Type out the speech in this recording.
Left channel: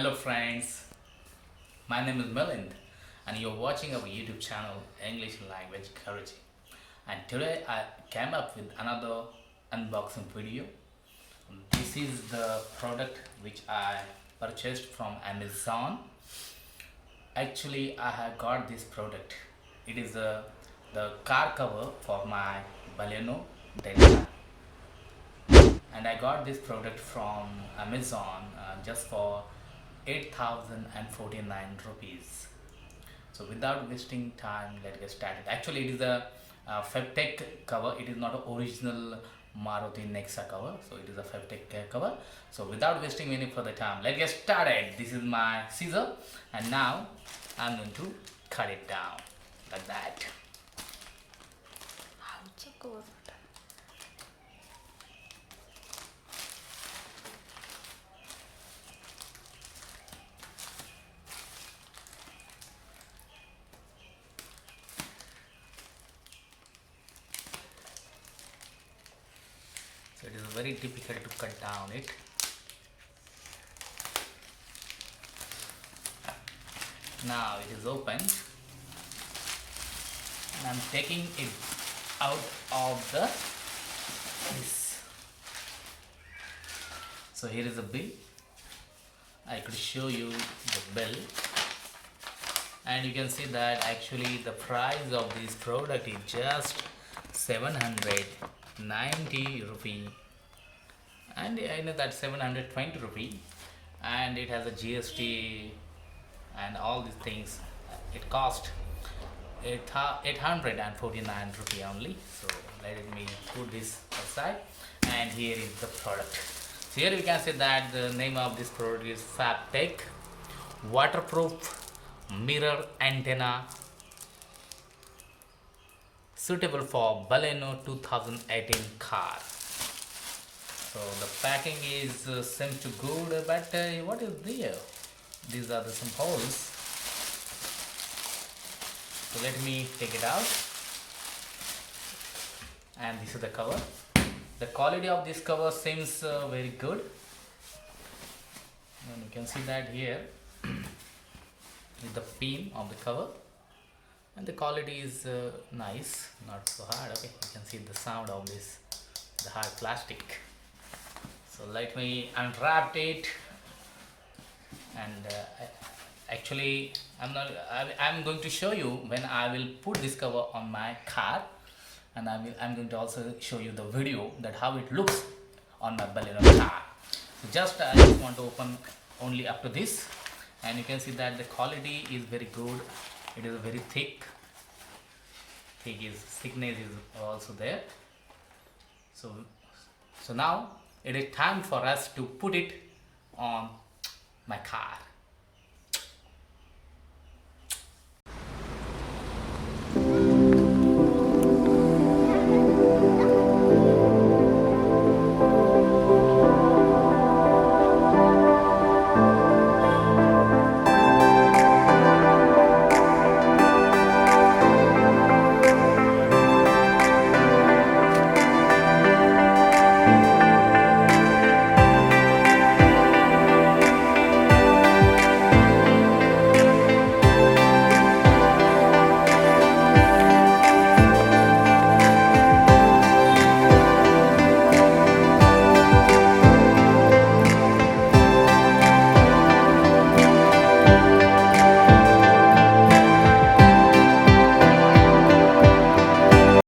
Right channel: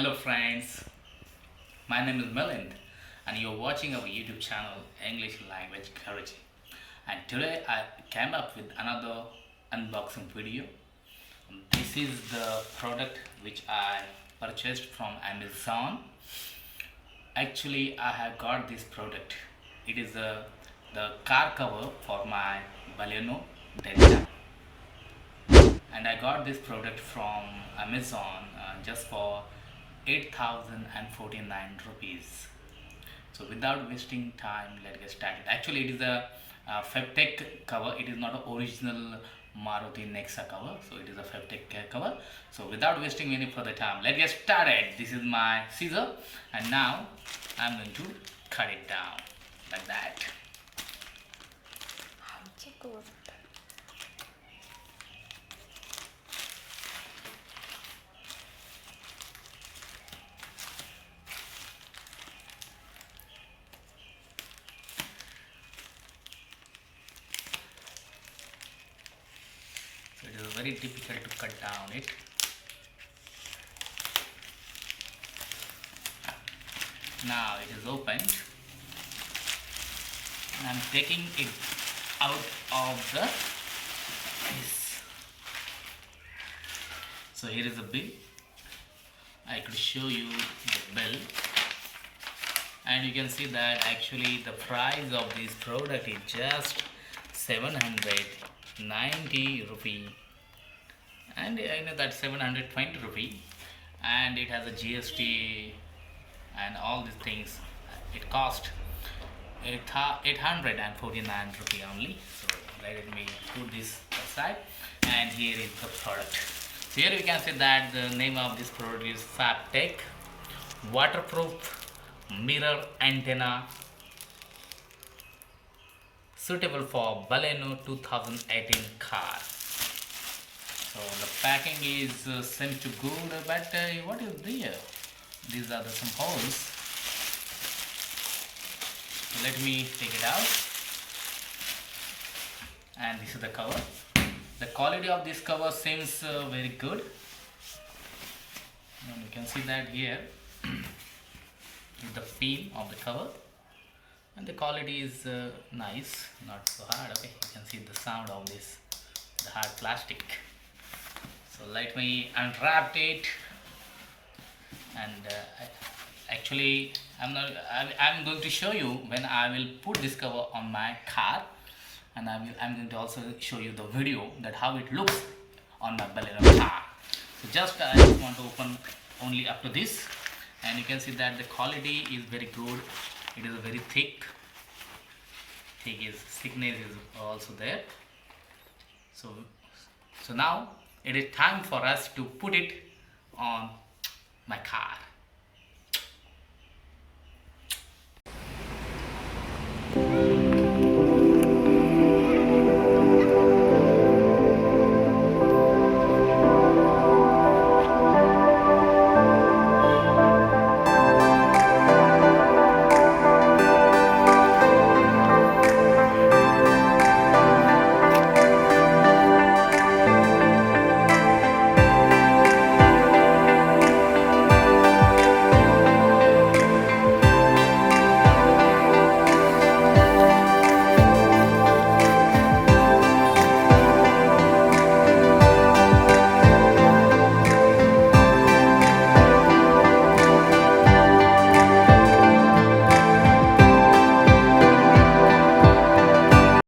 Hello friends, my name is Milind and you're watching our YouTube channel English Language Guruji. And today I came up with another unboxing video. This is the product which I purchased from Amazon. Actually, I have got this product. It is the car cover for my Baleno Delta. And I got this product from Amazon just for 8,049 rupees. So without wasting time, let's get started. Actually, it is a Febtech cover. It is not an original Maruti Nexa cover. So it is a Febtech cover. So without wasting any further time, let's get started. This is my scissor, and now I'm going to cut it down like that. So it is very difficult to cut down it. Now it is opened and I'm taking it out of the case. So here is the bill. I could show you the bill, and you can see that actually the price of this product is just 790 rupee, and I know that 720 rupee, and it has a GST and all these things. It cost 849 rupee only. So let me put this aside, and here is the product. So here we can see that the name of this product is Febtech waterproof mirror antenna, suitable for Baleno 2018 car. So the packing is seems to good, but what is there? These are the some holes. So let me take it out, and this is the cover. The quality of this cover seems very good, and you can see that here is the pin of the cover, and the quality is nice, not so hard. Okay, you can see the sound of this, the hard plastic. So let me unwrap it, and actually I'm going to show you when I will put this cover on my car, and I'm going to also show you the video that how it looks on my Baleno car. So I just want to open only up to this, and you can see that the quality is very good. It is very thickness is also there. So now it is time for us to put it on my car.